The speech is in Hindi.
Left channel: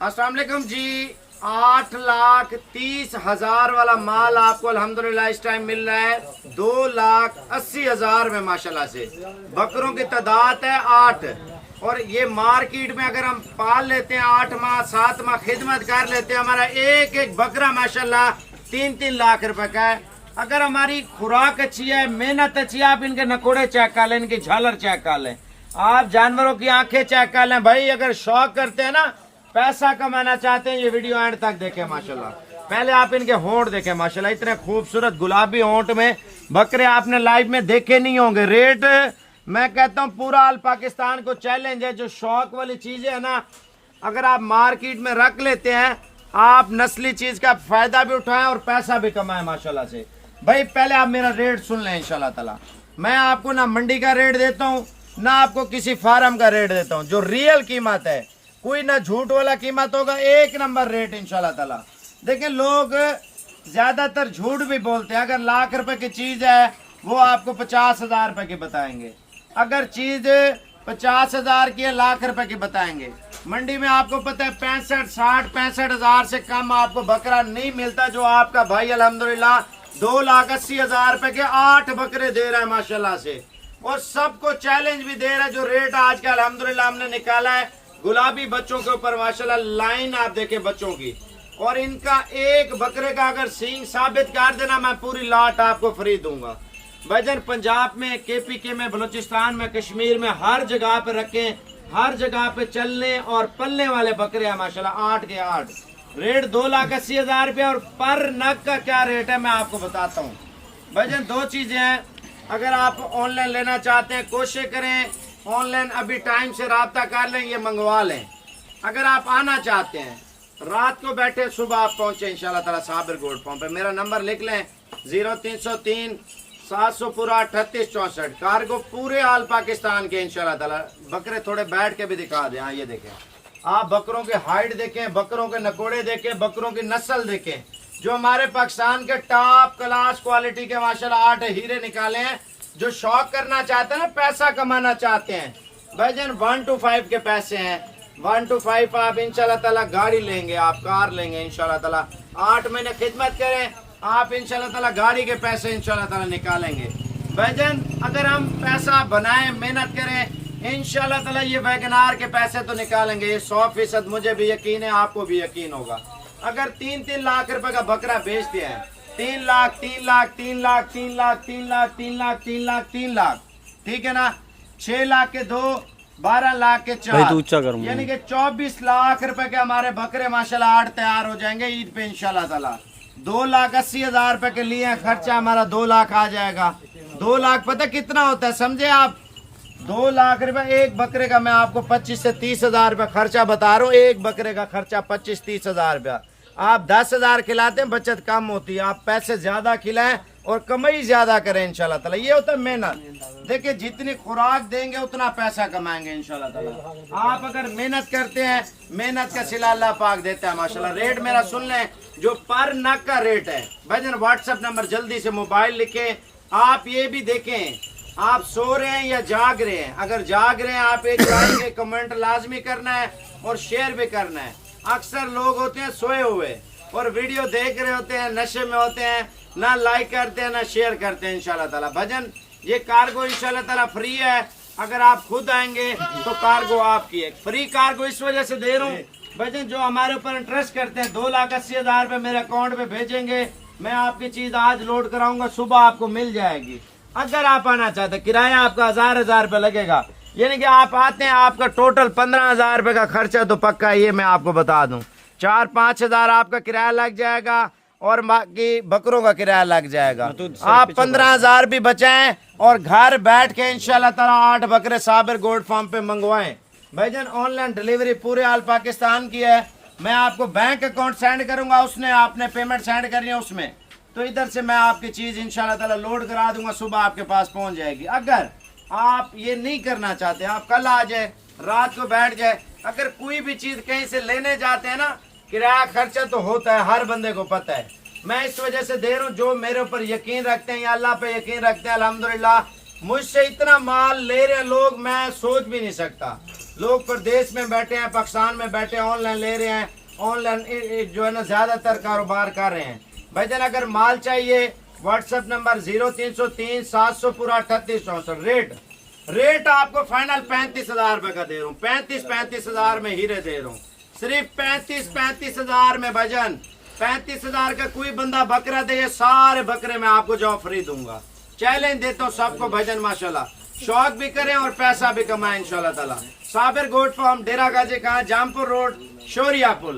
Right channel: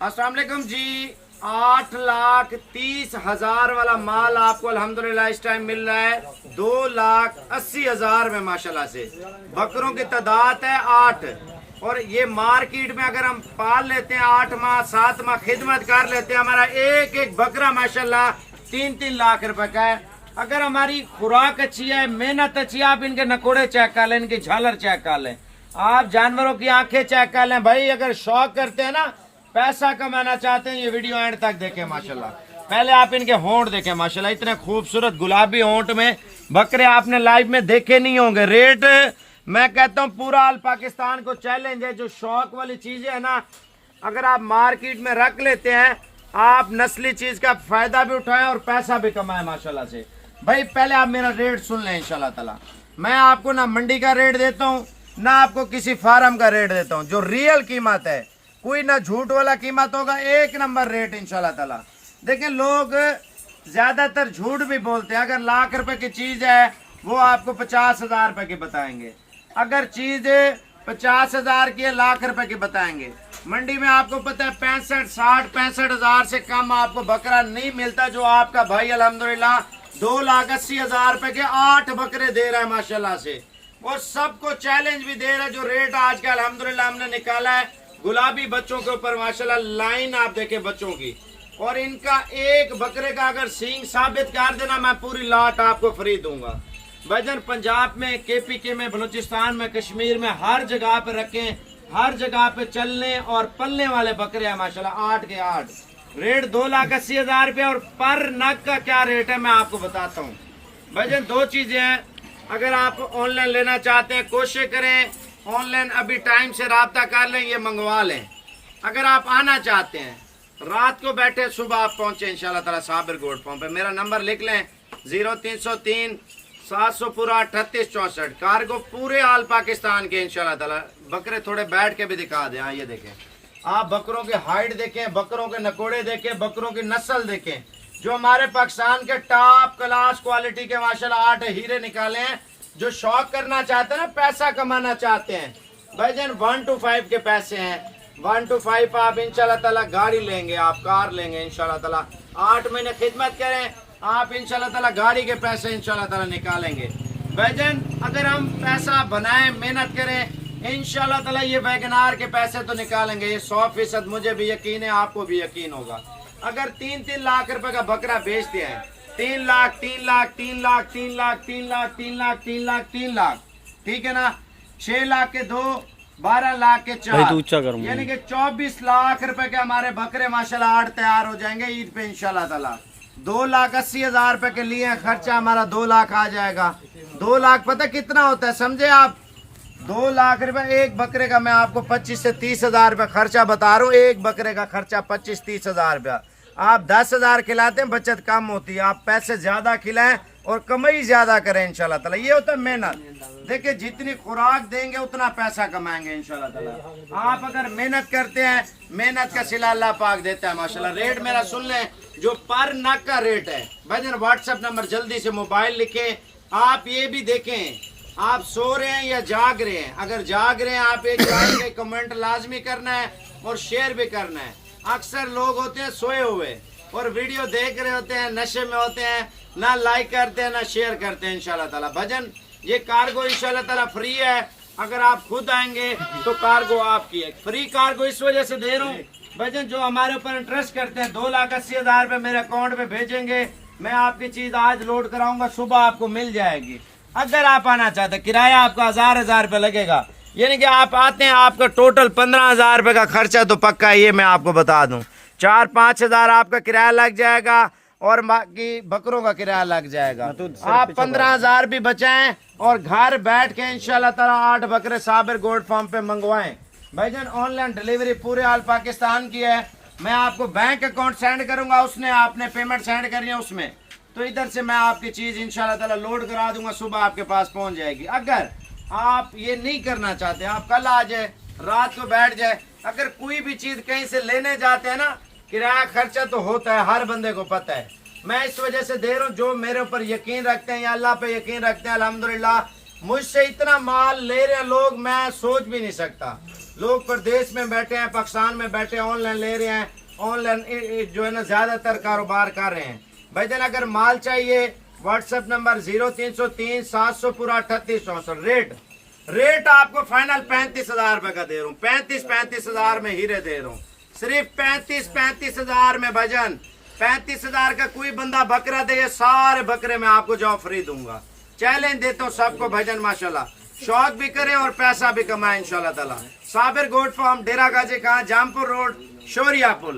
अस्सलाम वालेकुम जी। 8,30,000 वाला माल आपको अल्हम्दुलिल्लाह इस टाइम मिल रहा है 2,80,000 में माशाल्लाह से। बकरों की तादाद है 8 और ये मार्केट में अगर हम पाल लेते हैं 8 माह 7 माह खिदमत कर लेते हैं, हमारा एक एक बकरा माशाल्लाह 3-3 लाख रुपए का है। अगर हमारी खुराक अच्छी है, मेहनत अच्छी है, आप इनके नकोड़े चेक कर लें, इनकी झालर चेक कर लें, आप जानवरों की आंखें चेक कर लें। भाई अगर शौक करते हैं ना, पैसा कमाना चाहते हैं, ये वीडियो एंड तक देखें माशाल्लाह। पहले आप इनके होंठ देखें माशाल्लाह, इतने खूबसूरत गुलाबी होंठ में बकरे आपने लाइव में देखे नहीं होंगे। रेट मैं कहता हूँ पूरा ऑल पाकिस्तान को चैलेंज है। जो शौक वाली चीजें है ना, अगर आप मार्केट में रख लेते हैं, आप नस्ली चीज का फायदा भी उठाएं और पैसा भी कमाएं माशाल्लाह से। भाई पहले आप मेरा रेट सुन लें इंशाल्लाह ताला। मैं आपको ना मंडी का रेट देता हूँ, ना आपको किसी फार्म का रेट देता हूँ। जो रियल कीमत है, कोई ना झूठ वाला कीमत होगा, एक नंबर रेट इंशाल्लाह ताला। देखिए लोग ज्यादातर झूठ भी बोलते हैं। अगर लाख रुपए की चीज है वो आपको 50,000 रुपए की बताएंगे, अगर चीज 50,000 की है लाख रुपए की बताएंगे। मंडी में आपको पता है 65,000 से कम आपको बकरा नहीं मिलता। जो आपका भाई अल्हम्दुलिल्लाह 2,80,000 रुपए के 8 बकरे दे रहा है माशाल्लाह से, और सबको चैलेंज भी दे रहा है। जो रेट आज का अल्हम्दुलिल्लाह हमने निकाला है गुलाबी बच्चों के ऊपर माशाल्लाह, लाइन आप देखें बच्चों की, और इनका एक बकरे का अगर सींग साबित कर देना, मैं पूरी लाट आपको फ्री दूंगा। वजन पंजाब में, KPK में, बलूचिस्तान में, कश्मीर में हर जगह पे रखें, हर जगह पे चलने और पलने वाले बकरे हैं माशाल्लाह 8 के 8। रेट 2,80,000 रुपये। और पर नग का क्या रेट है मैं आपको बताता हूँ। वजन दो चीजें हैं, अगर आप ऑनलाइन लेना चाहते हैं कोशिश करें ऑनलाइन अभी टाइम से राब्ता कर लें, ये मंगवा लें। अगर आप आना चाहते हैं रात को बैठे सुबह आप पहुंचे इंशाल्लाह ताला साबिर गोल्ड फार्म पे। मेरा नंबर लिख लें 0303 700 पूरा 3864। कार्गो पूरे आल पाकिस्तान के इंशाल्लाह ताला। बकरे थोड़े बैठ के भी दिखा दें। हाँ ये देखें, आप बकरों की हाइट देखें, बकरों के नकोड़े देखें, बकरों की नस्ल देखें। जो हमारे पाकिस्तान के टॉप क्लास क्वालिटी के माशाल्लाह 8 हीरे निकाले हैं। जो शौक करना चाहते हैं ना, पैसा कमाना चाहते हैं, भाईजान 1 to 5 के पैसे हैं। 1 to 5 आप इंशाल्लाह ताला गाड़ी लेंगे, आप कार लेंगे इंशाल्लाह ताला। 8 महीने खिदमत करें, आप इंशाल्लाह ताला गाड़ी के पैसे इंशाल्लाह ताला निकालेंगे। भाईजान अगर हम पैसा बनाएं, मेहनत करें, इंशाल्लाह ताला ये वैगनार के पैसे तो निकालेंगे। ये 100% मुझे भी यकीन है, आपको भी यकीन होगा। अगर 3-3 लाख रुपए का बकरा बेचते हैं, 3 लाख 3 लाख 3 लाख 3 लाख 3 लाख 3 लाख 3 लाख 3 लाख, ठीक है ना, 6 लाख के 2, 12 लाख के 4, यानी कि 24 लाख रुपए के हमारे बकरे माशाल्लाह 8 तैयार हो जाएंगे ईद पे इंशाल्लाह ताला। 2,80,000 रुपए के लिए खर्चा हमारा 2 लाख आ जाएगा। 2 लाख पता कितना होता है समझे आप? 2 लाख रुपए एक बकरे का। मैं आपको 25 से 30,000 रुपए खर्चा बता रहा हूँ। एक बकरे का खर्चा 25-30,000 रुपया। आप 10,000 खिलाते हैं, बचत कम होती है। आप पैसे ज्यादा खिलाएं और कमाई ज्यादा करें इंशाल्लाह ताला। ये होता है मेहनत। देखिए जितनी खुराक देंगे उतना पैसा कमाएंगे इंशाल्लाह ताला। आप अगर मेहनत करते हैं, मेहनत का सिला अल्लाह पाक देता है माशाल्लाह। रेट मेरा सुन लें, जो पर नग का रेट है भाईजान, व्हाट्सएप नंबर जल्दी से मोबाइल लिखें। आप ये भी देखें आप सो रहे हैं या जाग रहे हैं। अगर जाग रहे हैं आप एक कमेंट लाजमी करना है और शेयर भी करना है। अक्सर लोग होते हैं सोए हुए और वीडियो देख रहे होते हैं, नशे में होते हैं, ना लाइक करते हैं ना शेयर करते हैं इंशाल्लाह ताला। भजन ये कार्गो इंशाल्लाह ताला फ्री है। अगर आप खुद आएंगे तो कार्गो आपकी है। फ्री कार्गो इस वजह से दे रहा हूँ भजन, जो हमारे ऊपर इंटरेस्ट करते हैं 2,80,000 रुपए मेरे अकाउंट में भेजेंगे, मैं आपकी चीज आज लोड कराऊंगा, सुबह आपको मिल जाएगी। अगर आप आना चाहते हैं, किराया आपका 1,000 रुपए लगेगा, यानी कि आप आते हैं आपका टोटल 15,000 रुपए का खर्चा तो पक्का है, ये मैं आपको बता दूं। 4-5 हजार आपका किराया लग जाएगा और बाकी बकरों का किराया लग जाएगा। आप 15,000 भी बचाएं और घर बैठ के इंशाल्लाह ताला 8 बकरे साबिर गोल्ड फार्म पे मंगवाएं। भाईजान ऑनलाइन डिलीवरी पूरे ऑल पाकिस्तान की है। मैं आपको बैंक अकाउंट सेंड करूंगा, उसने आपने पेमेंट सेंड करनी है उसमें, तो इधर से मैं आपकी चीज इंशाल्लाह ताला लोड करा दूंगा, सुबह आपके पास पहुंच जाएगी। अगर आप ये नहीं करना चाहते, आप कल आ जाए, रात को बैठ जाए। अगर कोई भी चीज कहीं से लेने जाते हैं ना, किराया खर्चा तो होता है, हर बंदे को पता है। मैं इस वजह से दे रहा हूँ, जो मेरे ऊपर यकीन रखते हैं या अल्लाह पे यकीन रखते हैं, अल्हम्दुलिल्लाह मुझसे इतना माल ले रहे लोग, मैं सोच भी नहीं सकता। लोग प्रदेश में बैठे हैं, पाकिस्तान में बैठे हैं, ऑनलाइन ले रहे हैं, ऑनलाइन जो है ना ज्यादातर कारोबार कर रहे हैं। भाईजान अगर माल चाहिए व्हाट्सएप नंबर 0303 700 पूरा 3864। रेट आपको फाइनल 35,000 रुपए का दे रहा हूँ। 35,000 में हीरे दे रहा हूँ, सिर्फ 35,000 में भाईजान। 35,000 का कोई बंदा बकरा दे, ये सारे बकरे मैं आपको जो फ्री दूंगा। चैलेंज देता हूँ सबको भाईजान, माशाल्लाह शौक भी करें और पैसा भी कमाएं इंशाल्लाह ताला। साबिर गोट फार्म, डेरा गाजी खां, जामपुर रोड, शोरिया पुल।